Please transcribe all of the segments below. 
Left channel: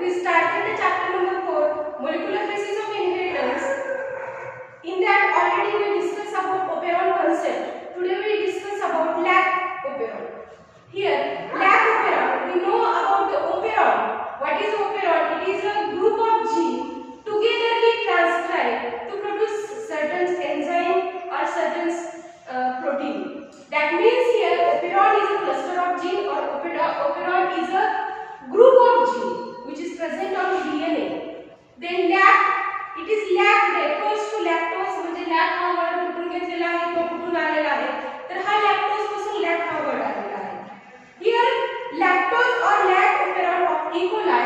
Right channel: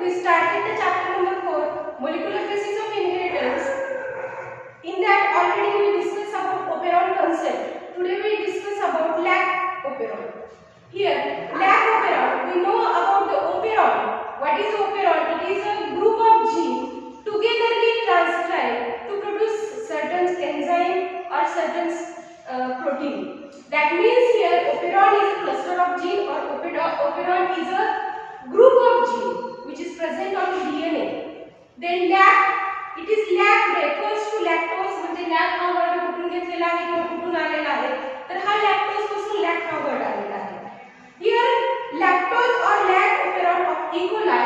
we started the chapter number 4, molecular basis of inheritance. In that already we discussed about operon concept. Today we discuss about lag operon. Here, lag operon, we know about the operon. What is operon? It is a group of genes togetherly transcribed to produce certain enzyme or certain protein. That means here operon is a cluster of gene, or operon is a group of gene which is present on the DNA. Then lag, it is lag refers to lactose, म्हणजे लॅक हा वर्ड कुठून घेतलेला आहे किंवा कुठून आलेला आहे, तर हा लॅक्टोज पासून लॅक हा वर्ड आलेला आहे. Here lactose or lag operon of E. coli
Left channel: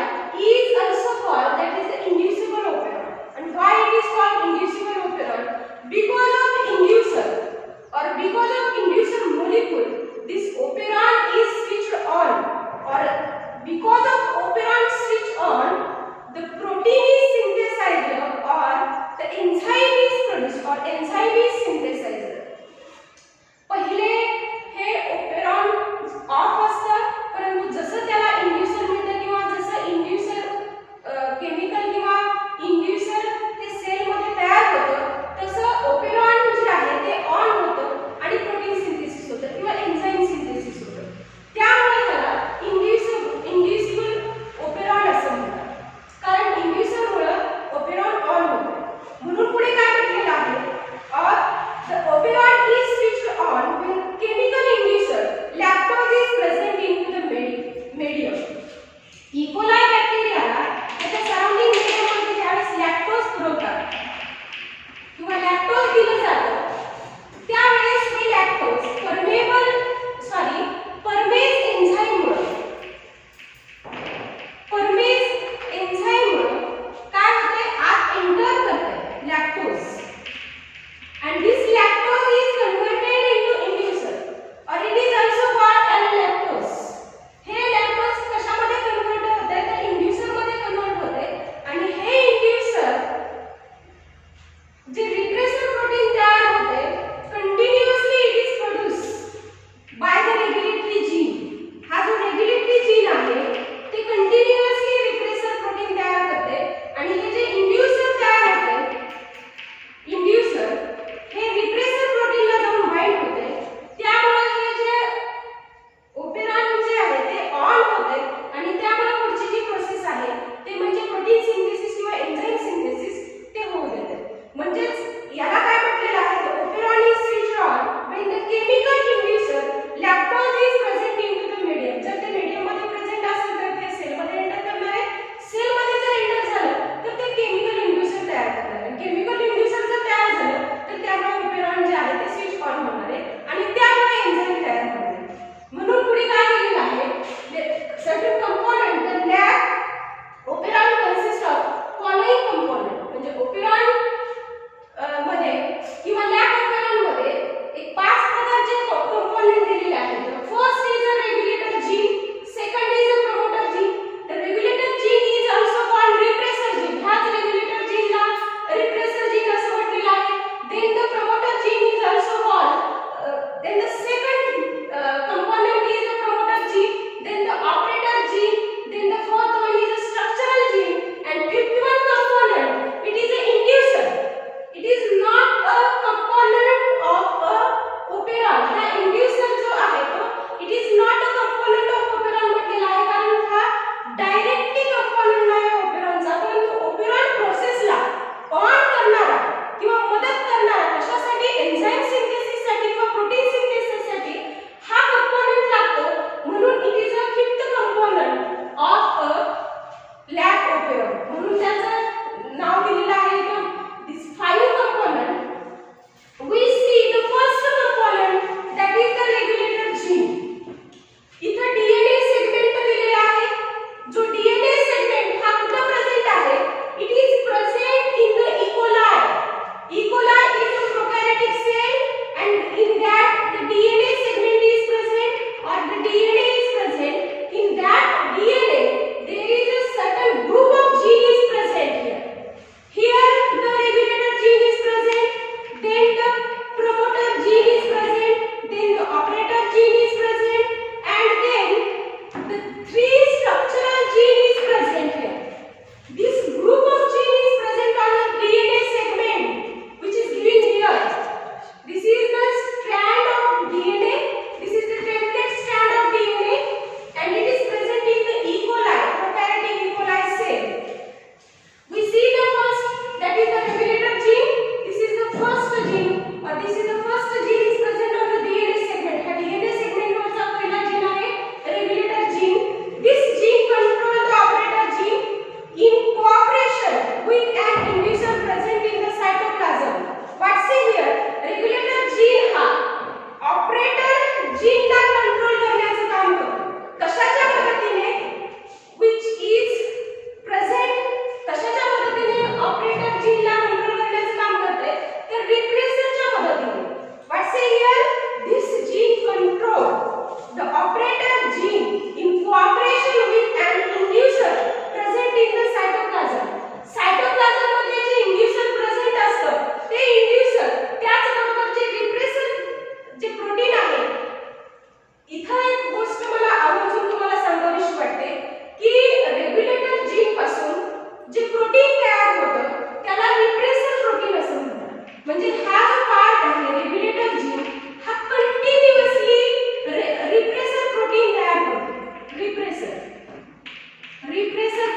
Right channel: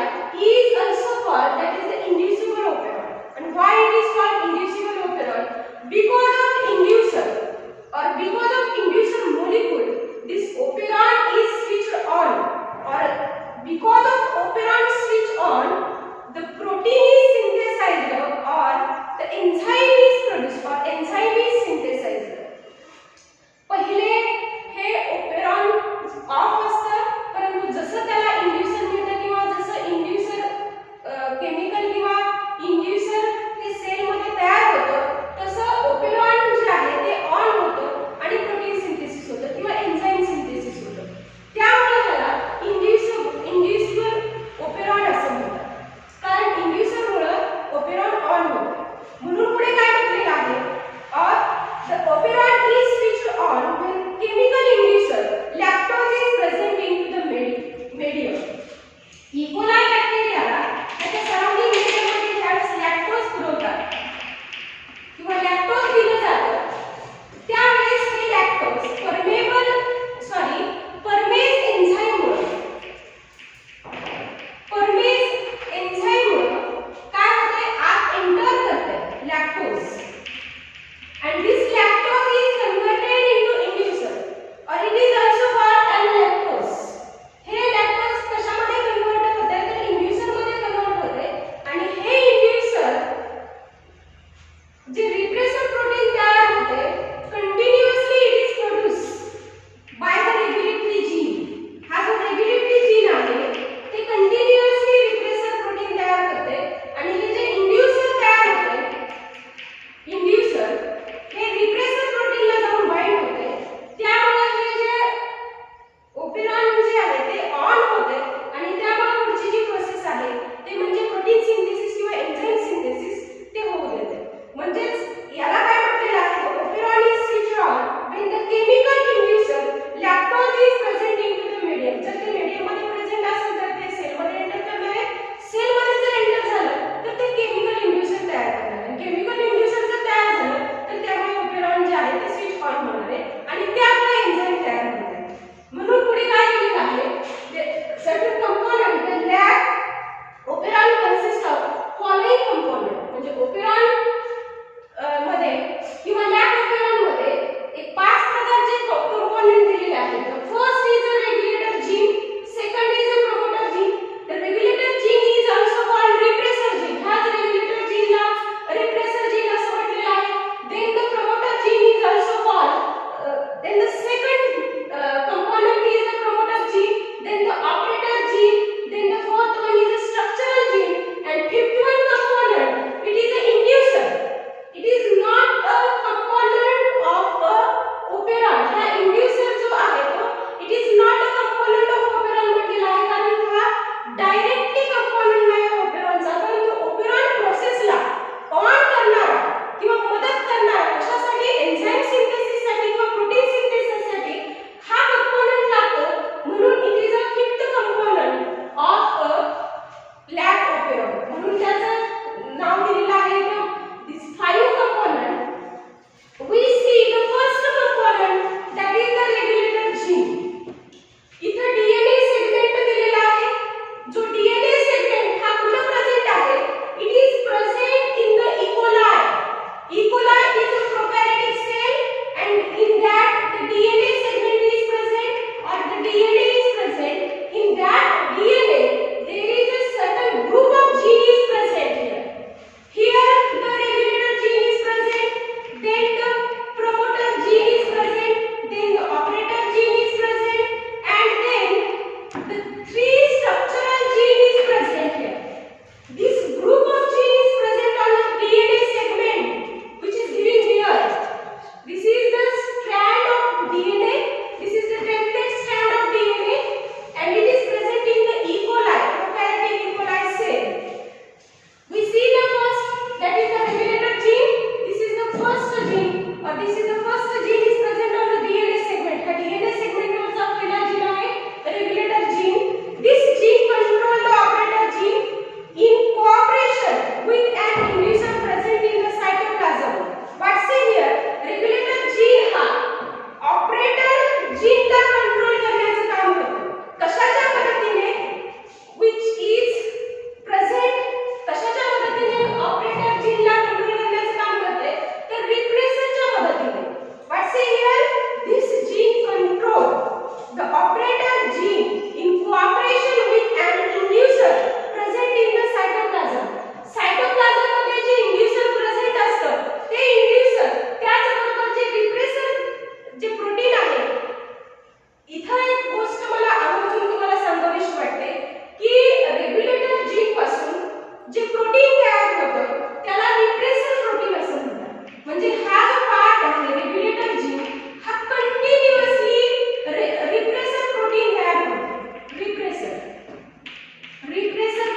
is also called, that is the inducible operon. And why it is called inducible operon? Because of inducer or because of inducer molecule, this operon is switched on, or because of operon switch on, the protein is synthesized or the enzyme is produced or enzyme is synthesized. पहिले हे operon of असतं, परंतु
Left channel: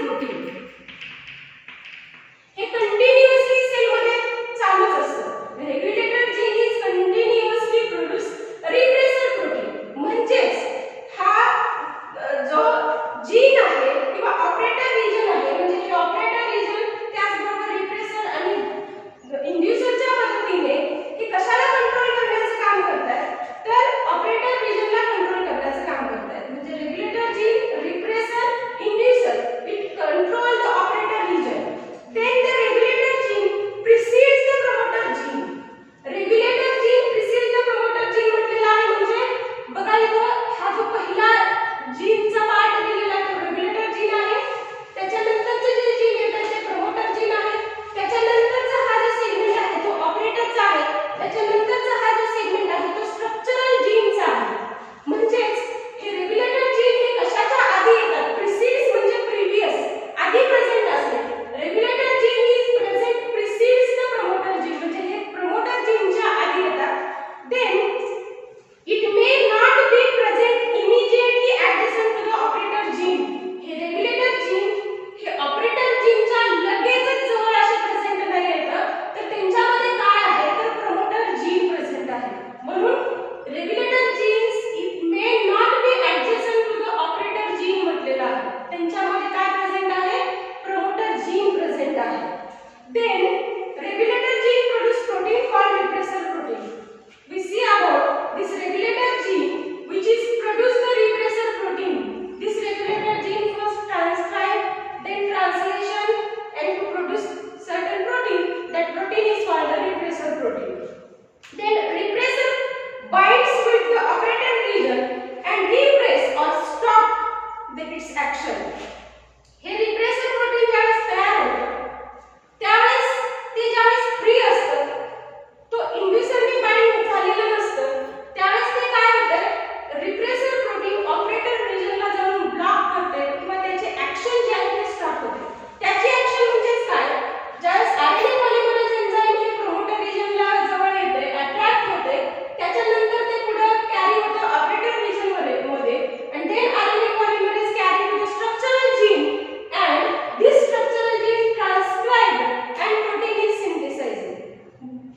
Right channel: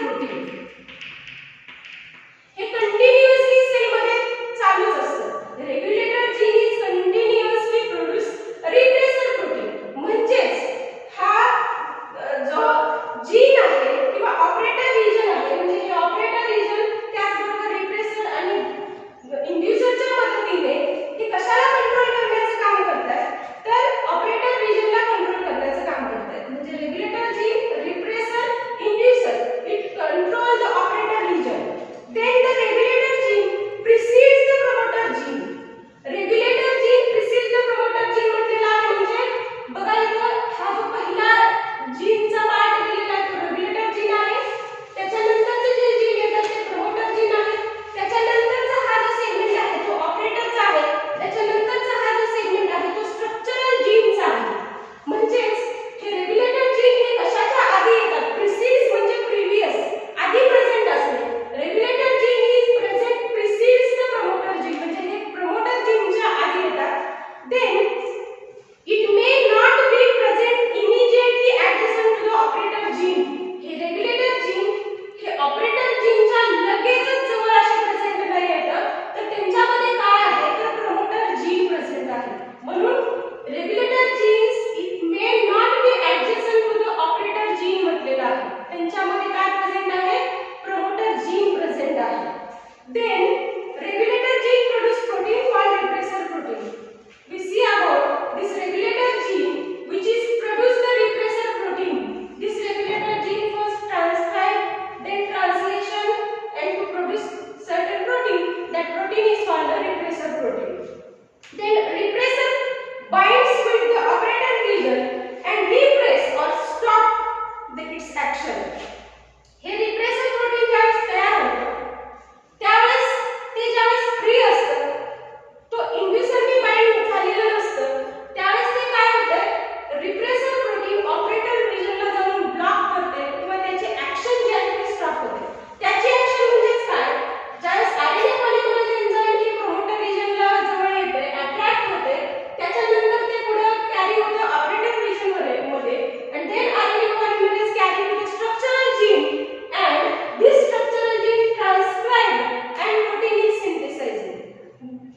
प्रोटीन हे continuously cell मध्ये चालूच असतं. Regulator gene is continuously produce repressor protein. म्हणजेच हा जो जीन आहे किंवा ऑपरेटर रिजन आहे, म्हणजे हे ऑपरेटर रिजन त्याचबरोबर रिप्रेसर आणि इंड्युसरच्या मदतीने हे कशाला कंट्रोल करण्याचं काम करतात, तर ऑपरेटर रिजनला कंट्रोल करण्याचं काम करतात. म्हणजे regulator gene, repressor, inducer, it control the operator region. Then the regulator gene precedes the promoter gene. Regulator gene precedes the promoter gene म्हटलेला आहे. म्हणजे बघा इथं हा जो पहिला जीनचा पार्ट दिलेला आहे तो रेग्युलेटर जीन आहे. त्याच्यानंतरचे जे जीन येतात ते प्रमोटर जीन आहे. त्याच्यानंतरचा हा जो सेगमेंट आहे तो ऑपरेटरचा आहे. त्याच्यानंतरचा हा जो सेगमेंट आहे तो स्ट्रक्चरल जीनचा आहे. म्हणजेच हे रेग्युलेटर जीन हे कशाच्या आधी येतात, प्रिसीड्स म्हणजे प्रिव्हियस, आधी प्रेझेंट असणे. Regulator gene is present precedes the promoter gene, म्हणजे हे प्रमोटर जीनच्या आधी येतात. Then it may not be present immediately adjacent to the operator gene. हे रेग्युलेटर जीन हे ऑपरेटर जीनच्या लगेचच जवळ असे प्रेझेंट नाही येतं, तर त्यांच्यामध्ये काय आहे तर प्रमोटर जीन प्रेझेंट आहे. म्हणून regulator genes it may not be adjacent to the operator gene म्हटलेलं आहे. त्यांच्यामध्ये काय प्रेझेंट आहे, प्रमोटर जीन प्रेझेंट आहे. Then regulator gene produce protein called repressor protein. We see about this regulator gene which is produce the repressor protein. This regulator gene first transcribe, then translation and to produce certain protein. That protein is called the repressor protein. Then repressor binds with the operator region and repress or stop its action. हे repressor protein ज्यावेळेस तयार होतं त्यावेळेस ते ज्यावेळेस फ्री असतं, तो इंड्युसरनी बाइंड झालेलं नसतं, त्यावेळेस ते काय होतं, रिप्रेसर प्रोटीन ऑपरेटर रिजनला जाऊन ब्लॉक करते किंवा त्याचे ऍक्शन जे आहे ते स्टॉप होते. त्याची ऍक्शन म्हणजे काय, ज्यावेळेस आरएनए पॉलिमरेज एन्झाइम हे प्रमोटर रिजनला जवळ येते, अट्रॅक्ट होते, त्याच्यानंतर ते पुढे कॅरी होतं ऑपरेटर रिजन मध्ये and then RNA polymerase carry to the structural gene and this structural gene transcribed and protein is synthesized.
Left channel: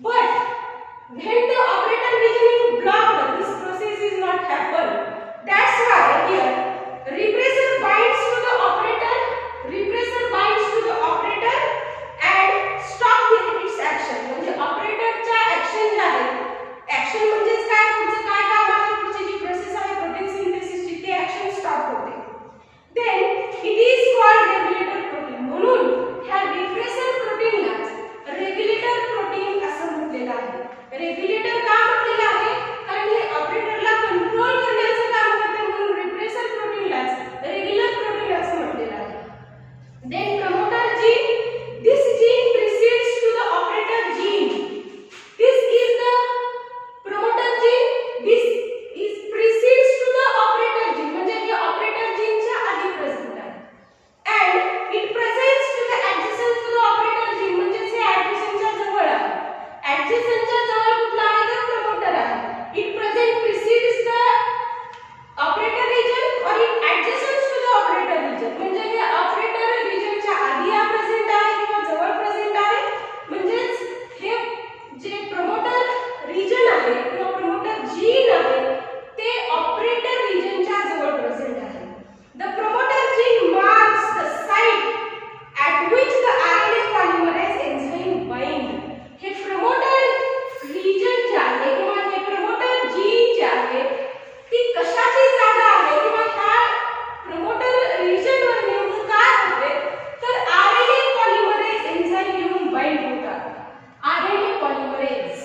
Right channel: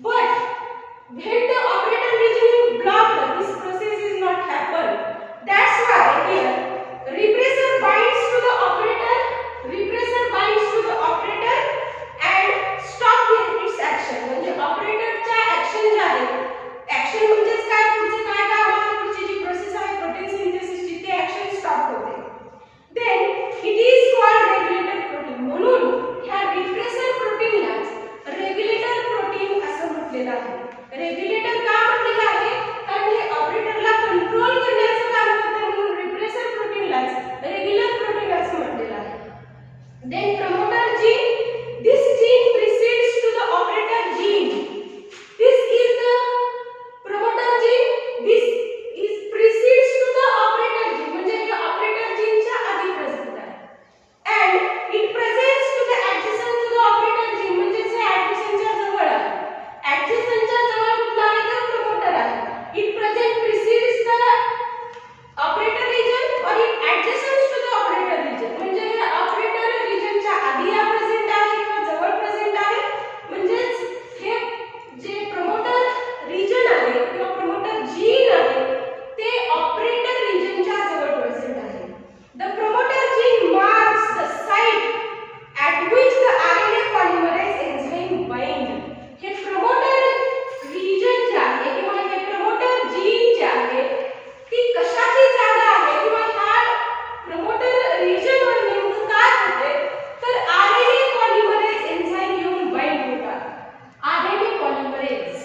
But when the operator region is blocked, this process is not happen. That's why here repressor binds to the operator, repressor binds to the operator and stop its action. म्हणजे ऑपरेटरच्या ऍक्शन जे आहे, ऍक्शन म्हणजेच काय, पुढचं काय काम आहे, पुढची जी प्रोसेस आहे प्रोटीन सिंथेसिसची, ते ऍक्शन स्टॉप होते. Then it is called regulator protein. म्हणून ह्या रिप्रेसर प्रोटीनला रेग्युलेटर प्रोटीन असं म्हटलेलं आहे. रेग्युलेटर का म्हटलेलं आहे, कारण हे ऑपरेटरला कंट्रोल करण्याचं काम करते, म्हणून रिप्रेसर प्रोटीनला रेग्युलर प्रोटीन असं म्हटलेलं आहे. Then promoter gene, this gene precedes to the operator gene. This is the promoter gene. This is precedes to the operator gene. म्हणजे हे ऑपरेटर जीनच्या आधी प्रेझेंट आहे. And it presents to the adjacent to the operator gene. म्हणजे हे adjacentच्या जवळ आहे. Adjacentच्या जवळ कुठला आहे तर प्रमोटर आहे. It present precedes the operator region or it adjacent to the operator region. म्हणजे हे ऑपरेटर रिजनच्या आधी या प्रेझेंट आहे किंवा जवळ प्रेझेंट आहे. म्हणजेच हे जे प्रमोटर रिजन आहे किंवा प्रमोटर जीन आहे ते ऑपरेटर रिजनच्या जवळ प्रेझेंट आहे. The promoter gene marks the site at which the RNA polymerase enzyme bind. हे प्रमोटर रिजन जे आहे किंवा हे प्रमोटर जीन जे आहे ती कशाची जागा आहे किंवा ह्या प्रमोटर रिजनवर नेमकं काय होते तर आरएनए पॉलिमरेज एन्झाइम येऊन बाइंड होतात. RNA polymerase.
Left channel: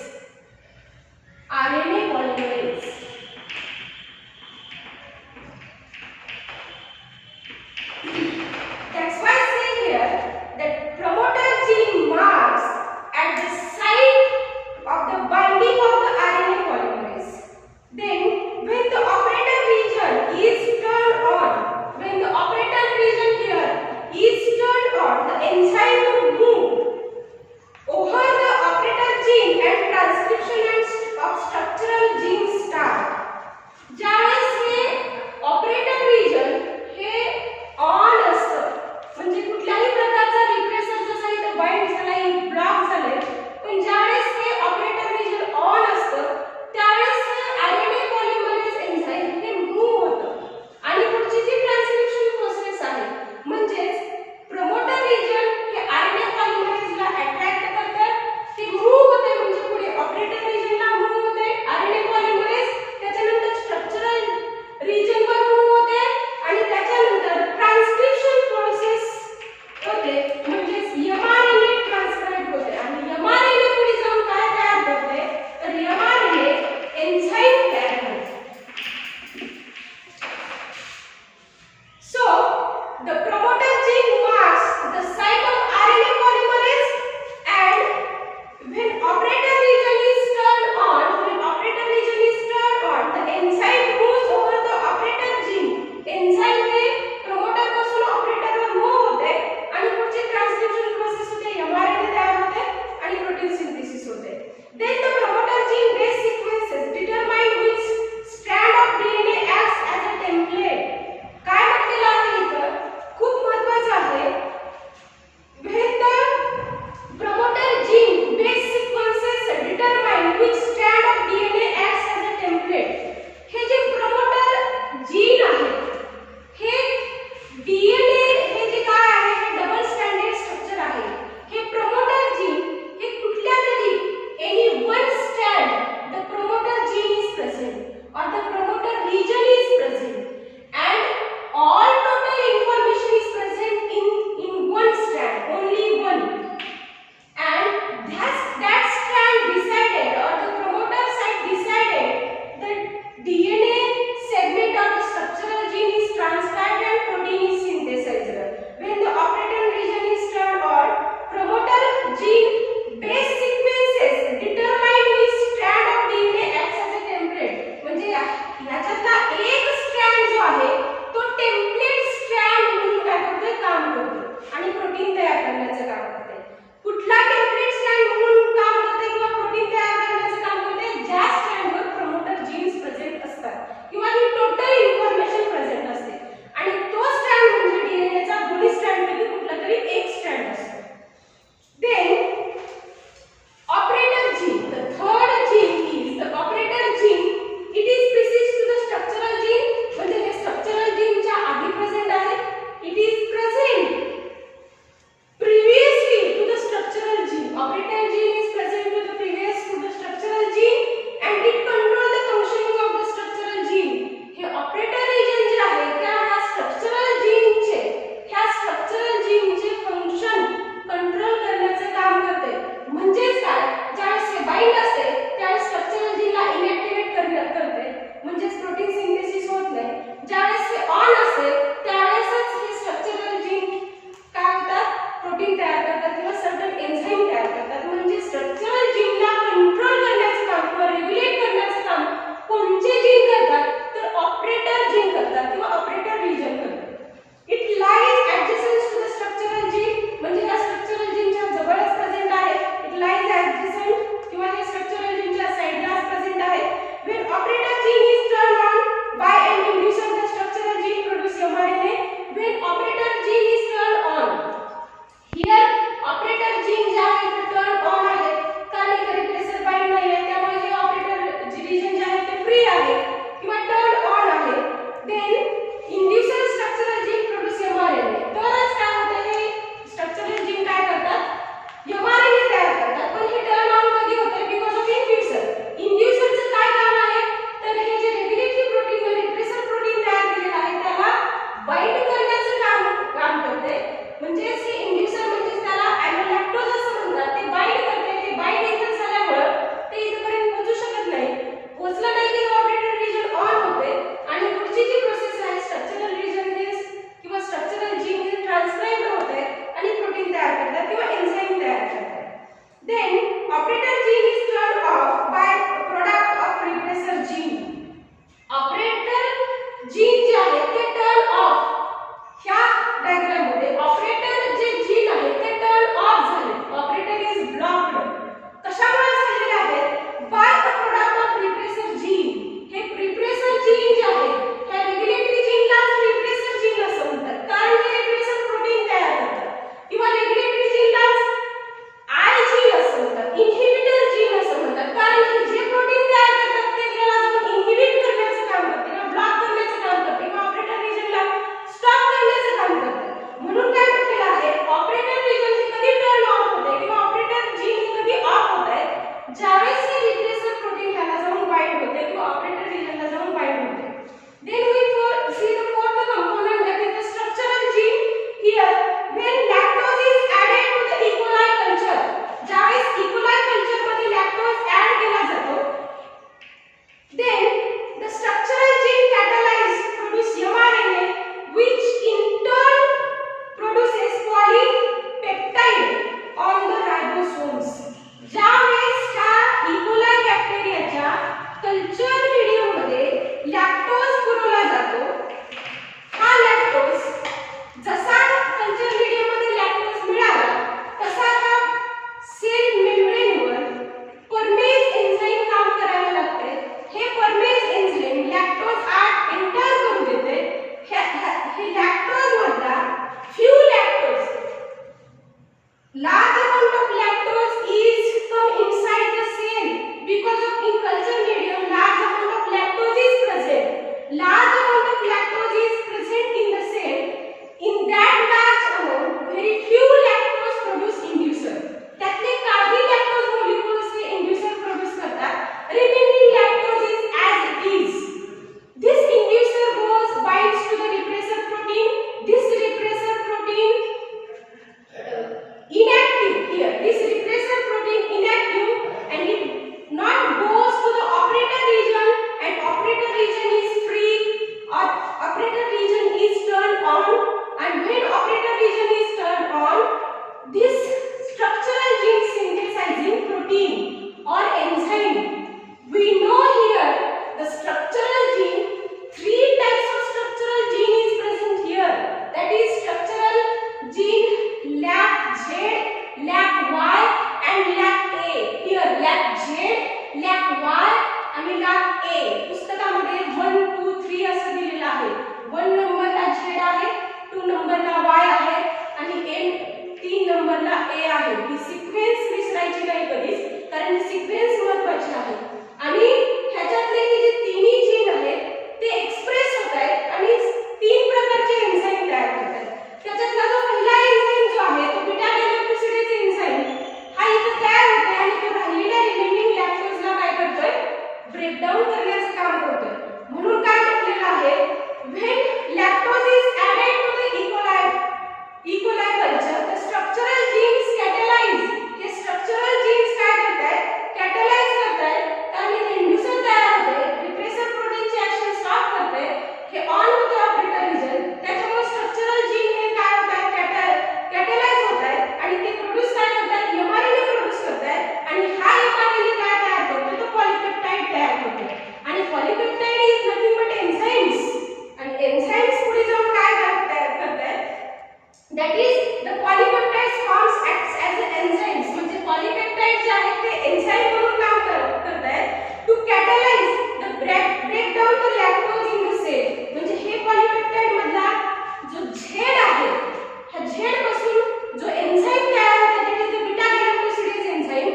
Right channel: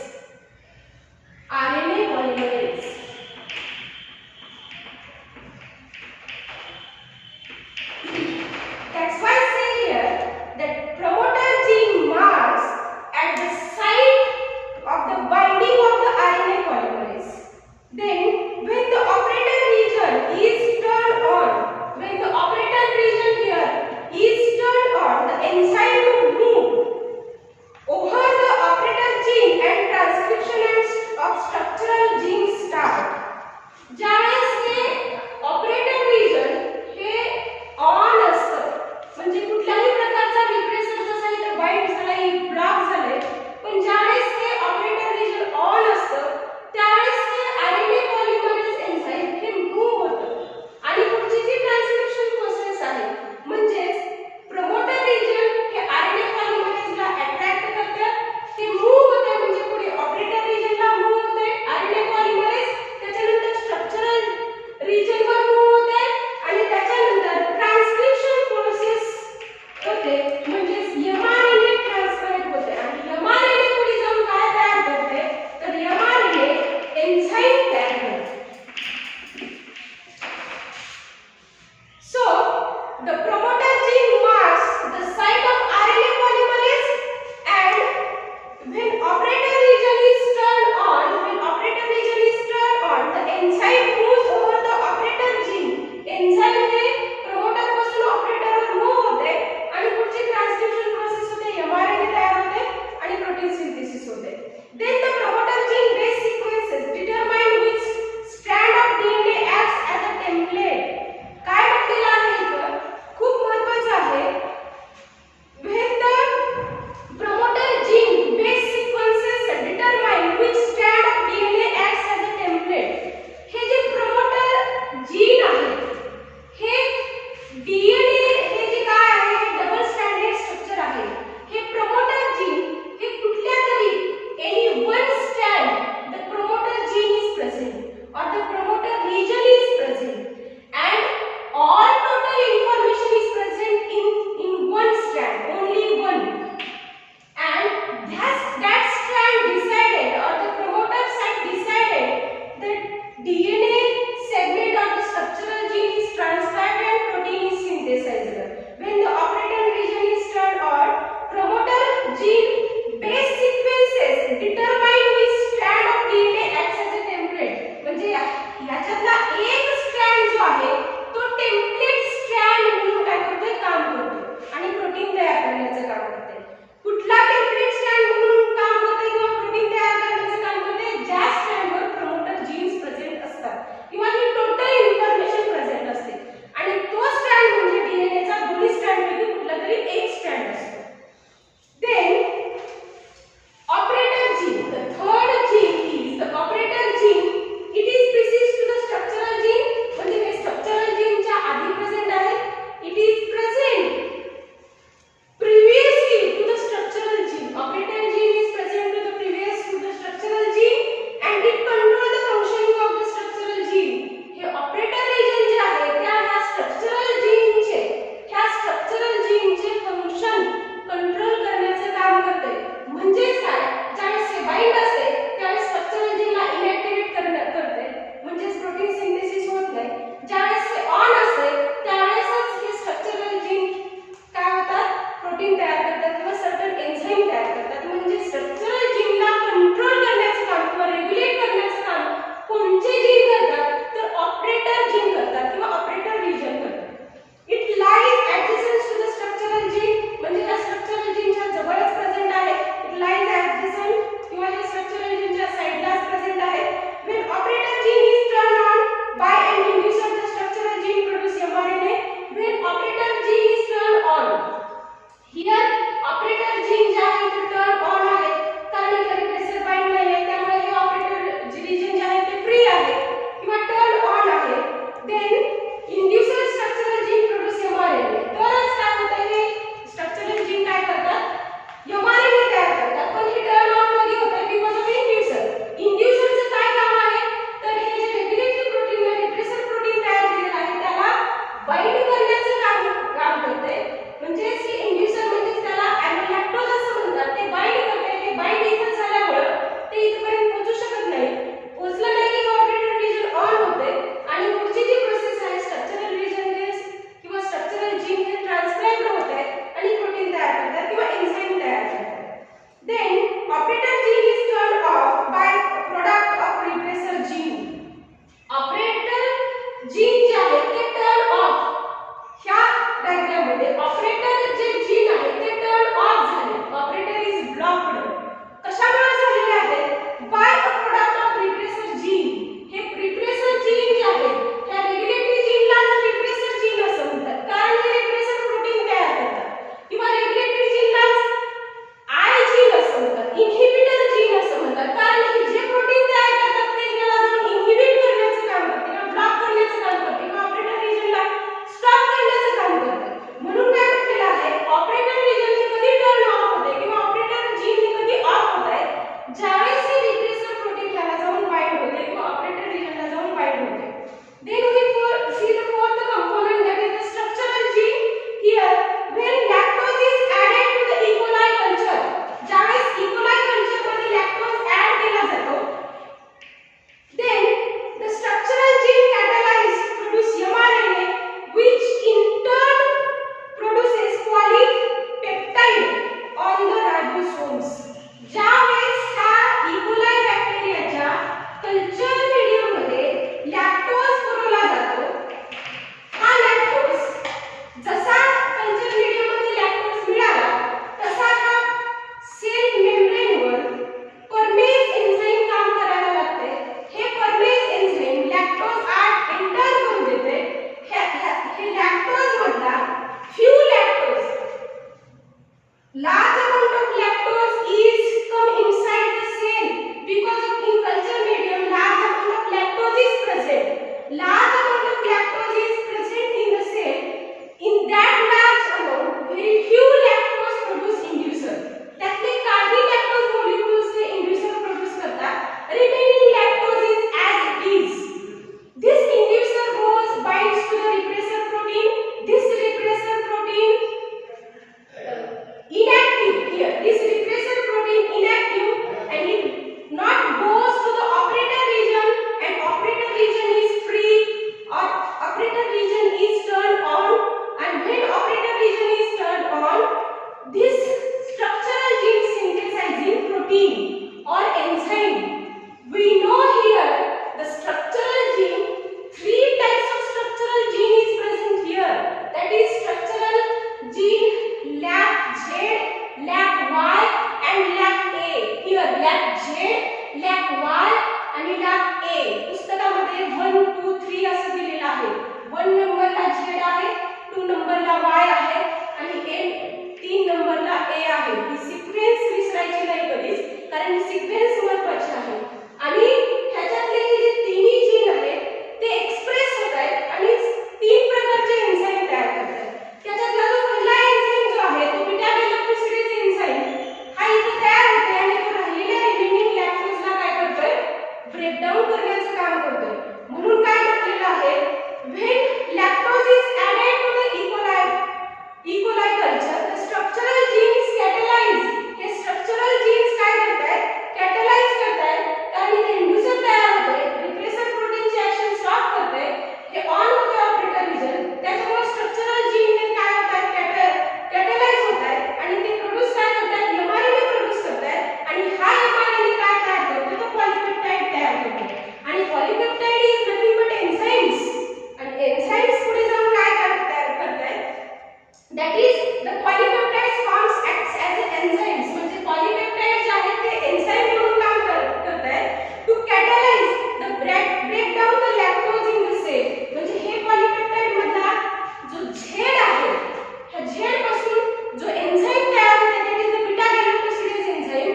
RNA polymerase. That's why I say here that promoter gene marks at the site of the binding of the RNA polymerase. Then when the operator region is turned on, when the operator region here is turned on, the enzyme will move over the operator gene and transcription of structural genes start. ज्यावेळेस हे operator region हे ऑन असतं, म्हणजे the promoter gene marks the site of RNA polymerase, and when operator region is turned on, the enzyme moves over the operator gene. enzyme हे promoter पासून operator वर move होते आणि पुढची transcription process होते, mRNA तयार होते आणि प्रोटीन सिंथेसिस होते. Then the promoter gene base sequences determine which strand of DNA acts as a template. काय म्हटलेलं आहे इथं, खूप Y and lac A. Here lac Z, lac Y आणि lac A. पुस्तकामध्ये 1 2 3 असं दिलेलं आहे. 1 नंबरला Z आहे, 2 नंबरला Y आहे आणि 3 नंबरला A आहे. ही सिक्वेन्स विसरायची नाही कधीच, कारण सिक्वेन्स महत्त्वाची आहे. आणि ह्याच्यातले हे जे तिन्ही जीन आहेत ते एक्सप्रेस होत आहेत आणि 3 प्रकारचे एन्झाईम तयार करतात. त्याच्यातला जो पहिला एन्झाईम जो आहे तो बीटा गॅलोक्सिडेज एन्झाईम हा इथे तयार होतोय आणि तो राहिलेल्या रिमेनिंग लॅक्टोजला काय करतोय, ब्रेकडाऊन करण्याचं काम करतोय. म्हणून काय म्हटलेलं आहे, when lactose is added to the E coli culture the structural genes catalyse. हे स्ट्रक्चरल जीन्स काय करतायत, कॅटलाइज करतायत, कारण इथे इंड्यूसर तयार होते, रिप्रेसर प्रोटीनची ऍक्शन स्टॉप करते, हे ऑन होते ऑपरेटर रिजन. त्याच्यामुळे स्ट्रक्चरल जीन हे काय होतात, कॅटलाइज होतात आणि ते प्रोड्यूस काय करतात, एमआरएनए प्रोड्यूस करतात आणि हा एमआरएनए काय तयार करतो, तो पॉलिपेप्टाइड तयार करतो. आणि polypeptide is nothing but enzymes. आणि एन्झाईम्स पुढे जाऊन काय करतात, that is the polypeptides forms acts as enzymes. म्हणजे पॉलिपेप्टाइड जे आहेत ते एन्झाईम म्हणून काम करतात to catalyse the breakdown the lactose in the cell. म्हणजे हे पॉलिपेप्टाइड मधला जो झेड आहे, ह्या झेड पासून जो एन्झाईम तयार होते that is the beta galactosidase enzyme.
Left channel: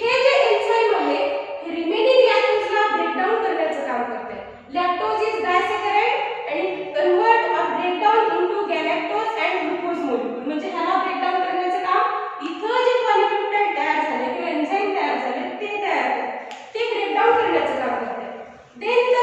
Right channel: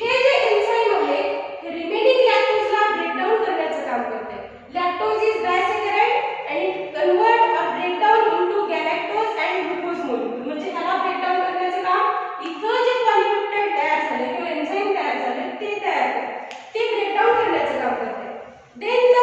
हे जे एन्झाईम आहे हे रिमेनिंग लॅक्टोजला ब्रेकडाऊन करण्याचं काम करते. Lactose is disaccharide and it convert or break down into galactose and glucose molecule. म्हणजे ह्याला ब्रेकडाऊन करण्याचं काम इथं जे पॉलिपेप्टाइड तयार झाले किंवा एन्झाईम तयार झाले ते तयार करते, ते ब्रेकडाऊन करण्याचं काम करते. Then the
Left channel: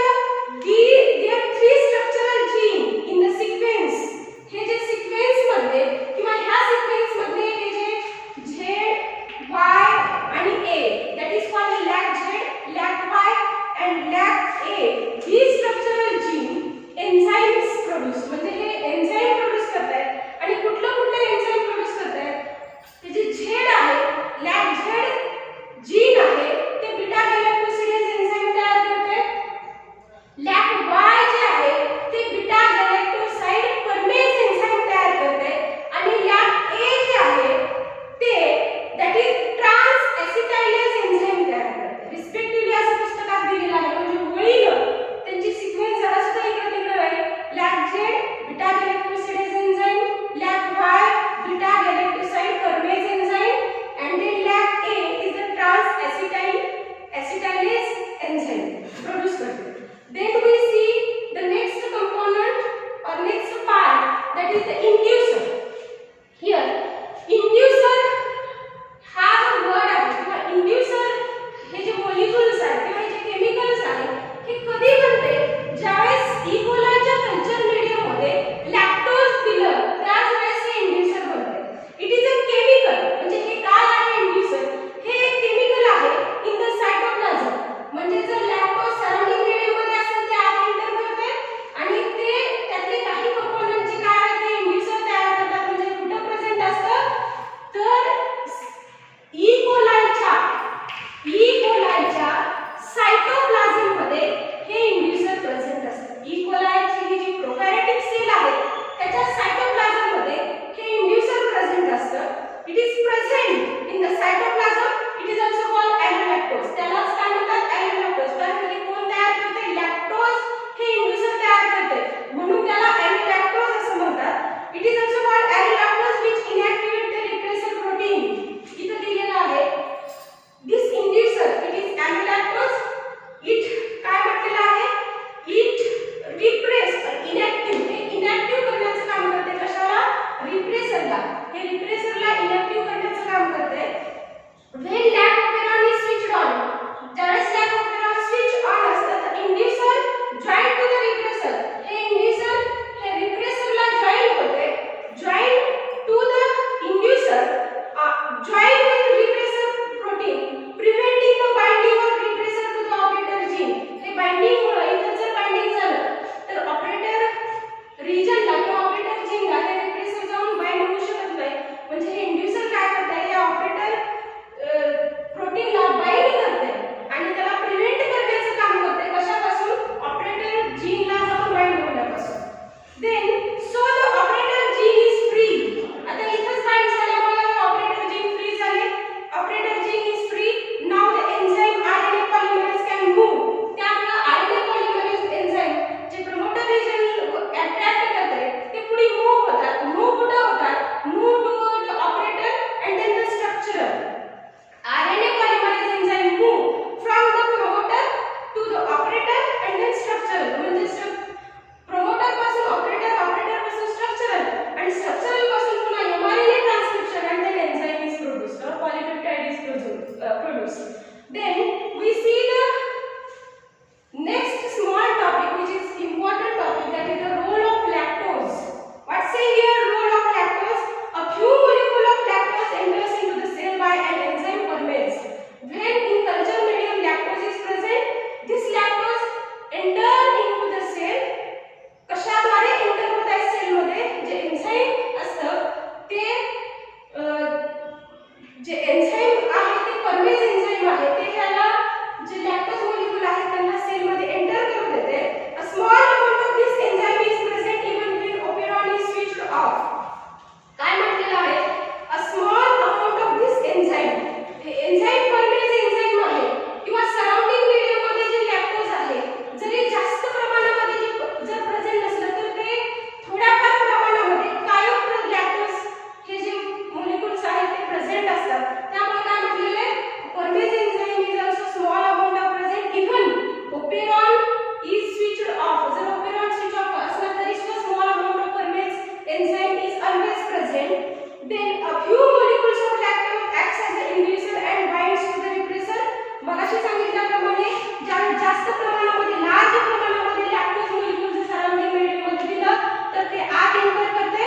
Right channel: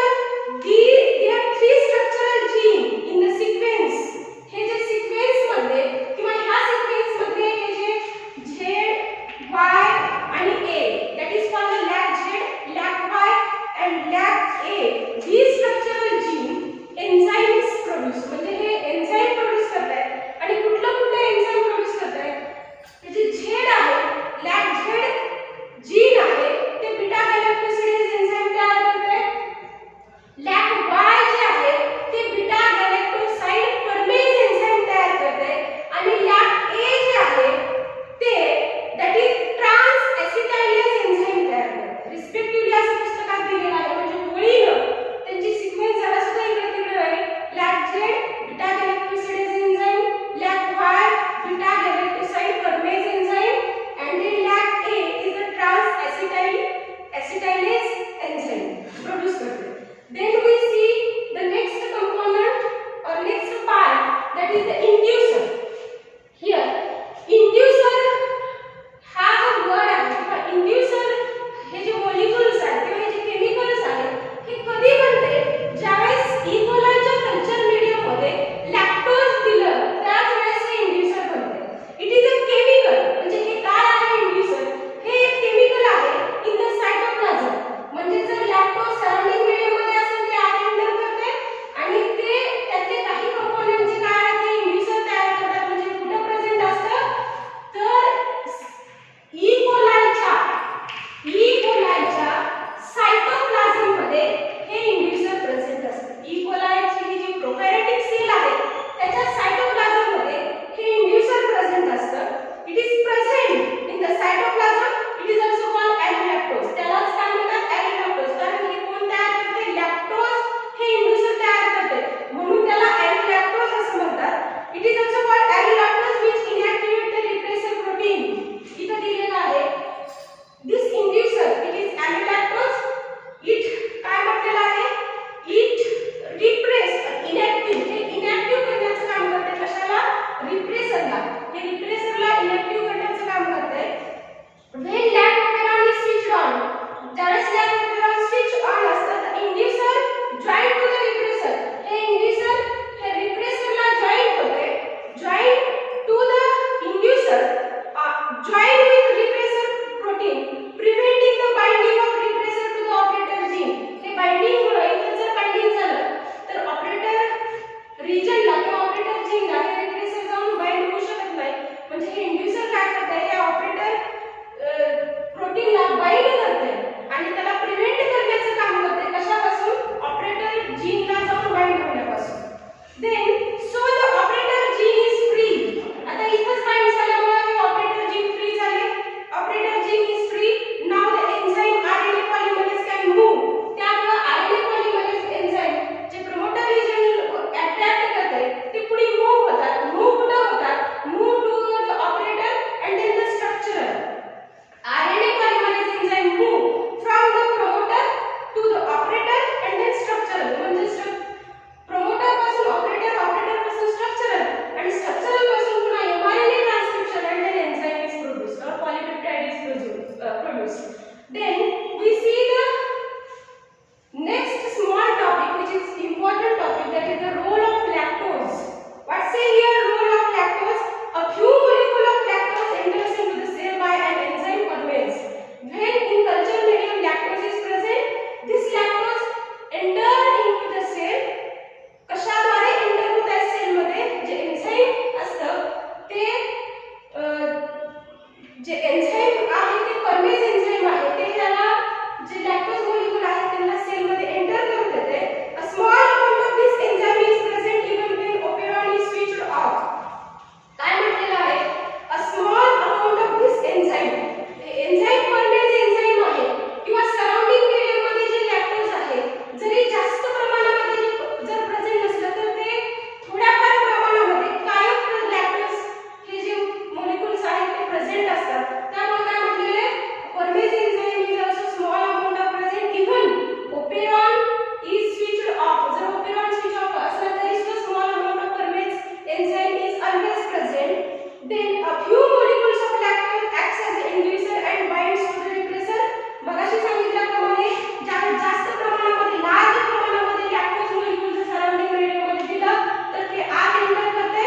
few molecules of lactose acts as an inducer and binds to the repressor. मगाशी सांगितल्याप्रमाणे ज्यावेळी जास्त प्रमाणामध्ये लार्ज प्रमाणामध्ये लॅक्टोज मॉलिक्यूल जर सराउंडिंग मीडियम मध्ये दिलं तर ते आत एंटर करते.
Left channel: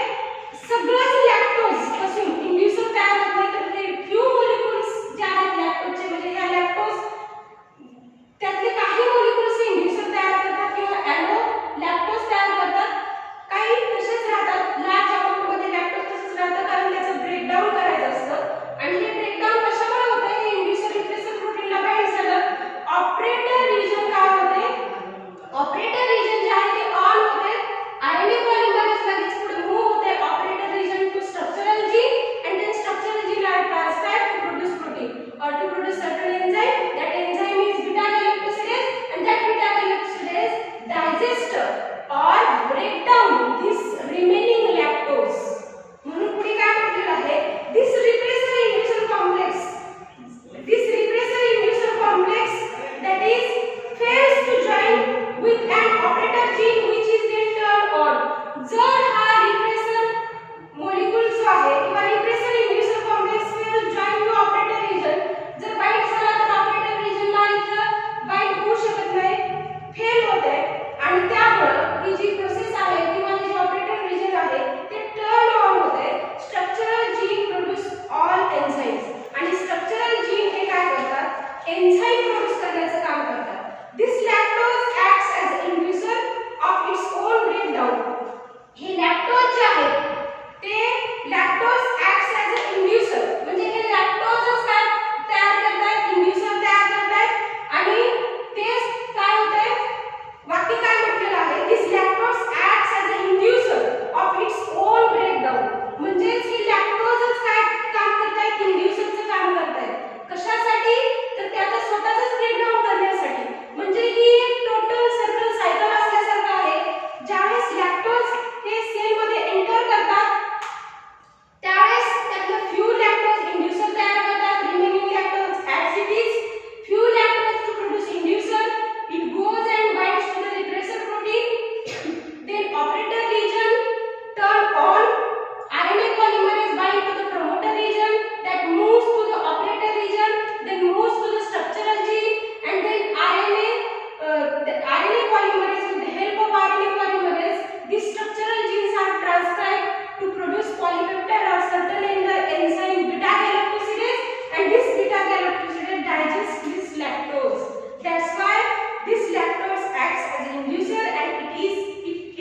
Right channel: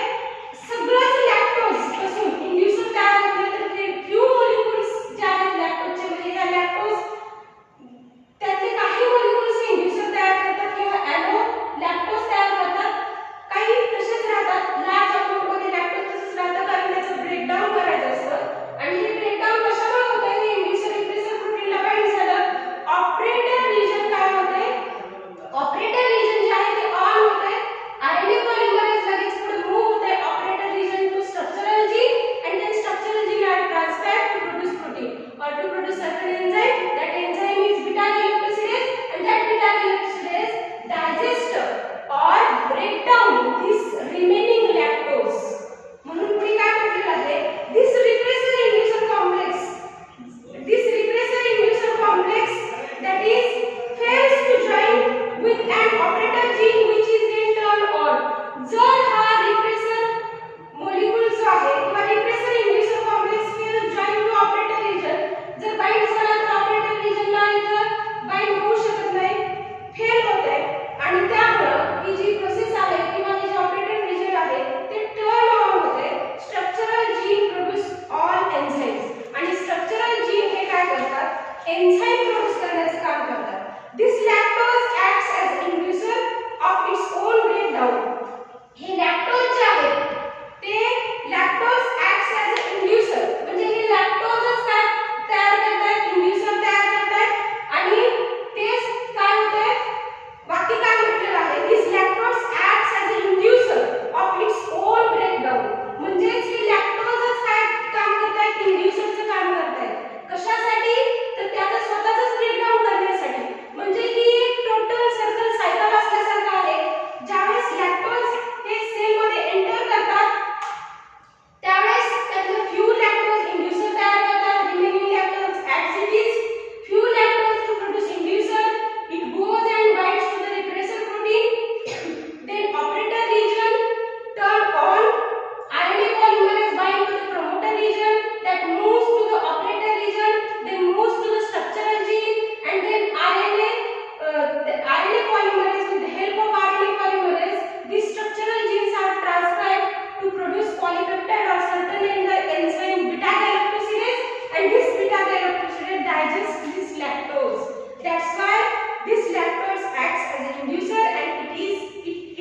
सगळंच लॅक्टोज पासून इंड्युसर तयार होत नाही तर ते फ्यू मॉलिक्यूल्स जे आहेत लॅक्टोजचे म्हणजे या लॅक्टोज त्यातले काही मॉलिक्यूल्स इंड्युसर तयार करतात किंवा ॲलो लॅक्टोज तयार करतात. काही तसेच राहतात. लार्ज अमाउंट मध्ये लॅक्टोज तसेच राहतं कारण त्याचं ब्रेकडाऊन करायचं असतं आणि हे ब्रेकडाऊन कशामुळे होतं हे इंड्युसर रिप्रेसर प्रोटीनला बाइंड झालं. ऑपरेटर रिजन काय होते? ऑपरेटर रिजन जे आहे ते ऑन होते. आरएनए पॉलिमरेज लगेच पुढे मूव्ह होते operator region to structural gene and then structural gene are transcribed to produce protein or to produce certain enzyme. That enzyme is beta galactosidase and that beta galactosidase digest or break down this remaining lactose. म्हणून पुढे काय म्हटलेलं आहे? This repressor inducer complex that is fails to join with an operator gene which is then turned on. जर हा repressor molecule जो आहे किंवा repressor inducer complex will join to operator region जर बाइंड झाला तर operator region ला इथं बाइंड होऊ शकत नाही, फेल होते आणि त्यामुळे ही जी प्रोसेस आहे किंवा हे जे ऑपरेटर रिजन आहे ते टर्न ऑन होते. Structural gene produce all enzymes आणि स्ट्रक्चरल जीन हे काय करतात? एन्झाइम प्रोड्यूस करण्याचं काम करतात. This lactose acts as inducer of its own breakdown. हे लॅक्टोज जे आहे ते lactose acts as a inducer म्हणजे हे लॅक्टोजच काय तयार करतात? इंड्युसर तयार करतात आणि तेच काय होते? वाक्य काय म्हटलेलं आहे? This lactose acts as a inducer of its own breakdown. म्हणजेच हे लॅक्टोजच काय काम करतात? इंड्युसरचं काम करतात. कशासाठी? तर त्याचं स्वतःच ब्रेकडाऊन करण्यासाठी. म्हणजे ही एक टोटल सर्कल सायकल असल्यासारखं आहे. ज्यावेळेस लॅक्टोज हे सेल मध्ये एंटर करतात त्यावेळेस त्यातलं फ्यू लॅक्टोज इंड्युसर तयार करतात. Remaining lactose as it is few lactose to produce inducer. It goes and binds to the repressor protein. Then operator region turn on. RNA polymerase bind to the promoter region that moves to the operator region, then moves to the structural gene, and then the RNA polymerase with the help of RNA polymerase, these structural genes are transcribed to produce polypeptide or certain enzyme beta galactosidase, and this beta galactosidase digests this lactose. That's why this lactose acts as an inducer and it is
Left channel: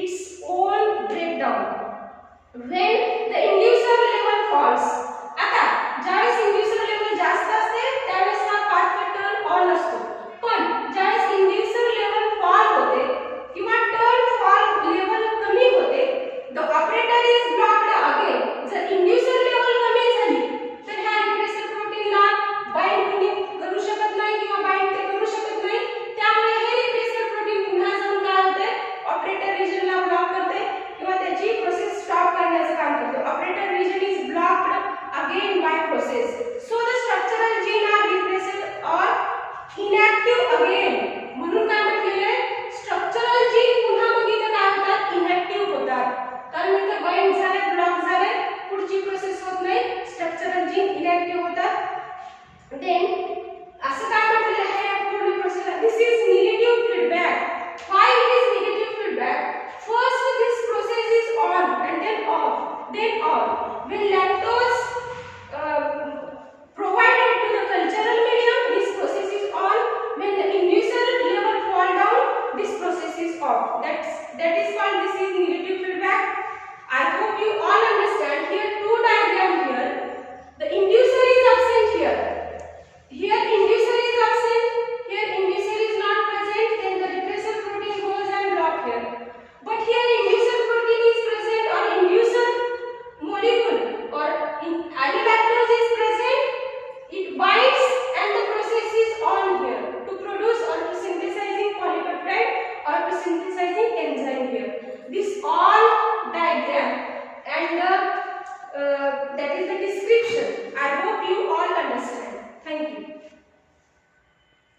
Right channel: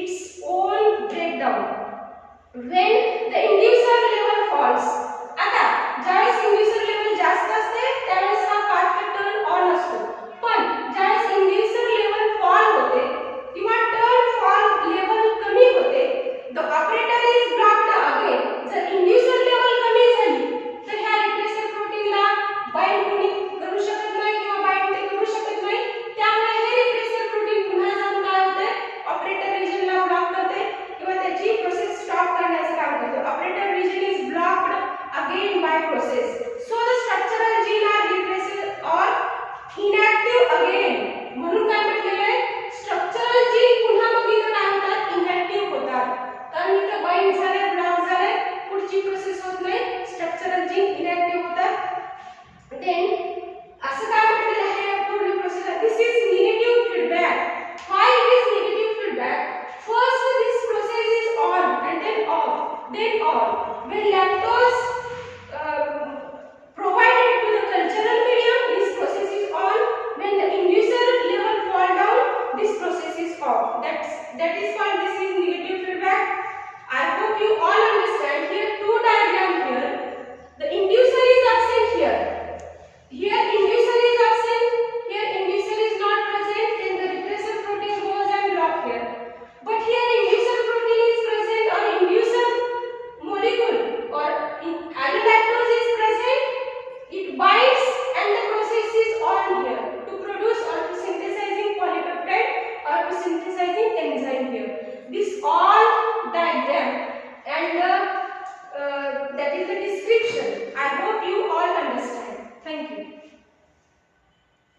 its own breakdown. When the inducer level falls, आता ज्यावेळेस inducer level जास्त असते त्यावेळेस हा pathway turn on असतो. पण ज्यावेळेस inducer level fall होते किंवा turn fall level कमी होते, the operator is blocked again. जर inducer level कमी झाली तर ह्या repressor protein ला bind कोणी करू शकत नाही किंवा bind ते करू शकत नाही. त्यामुळे हे repressor protein पुन्हा जाऊन काय होते? operator region ला ब्लॉक करते किंवा त्याची प्रोसेस स्टॉप करण्याचं काम करते. Operator region is blocked again by process. So the structural gene are repressed or inactive again. म्हणून काय म्हटलेलं आहे? स्ट्रक्चरल जीन पुन्हा मग इथं काय होतात? इनॅक्टिव्ह होतात. कारण इथं बाइंड झाले, ब्लॉक झाले, पुढची प्रोसेस होत नाही, स्ट्रक्चरल जीन इनॅक्टिव्ह होतात. देन असं काय म्हटलेलं आहे पूर्ण process? This is negative feedback. Why it is negative feedback? First this process is on and then off, then on. When lactose provided to the cultural medium, this process is on. When the inducer level fall down, this process is off. That is called this is negative feedback. I hope you all understand. Here two diagram here. The inducer is absent here. Here inducer is absent. Here inducer is not present. Then the repressor protein goes and block here. But here inducer protein is present or inducer molecule or allolactose is present. It binds and the process is on here to produce or to synthesizing polypeptide or to synthesizing enzyme here. This all diagram and that is the description. I hope you all understand. Thank you.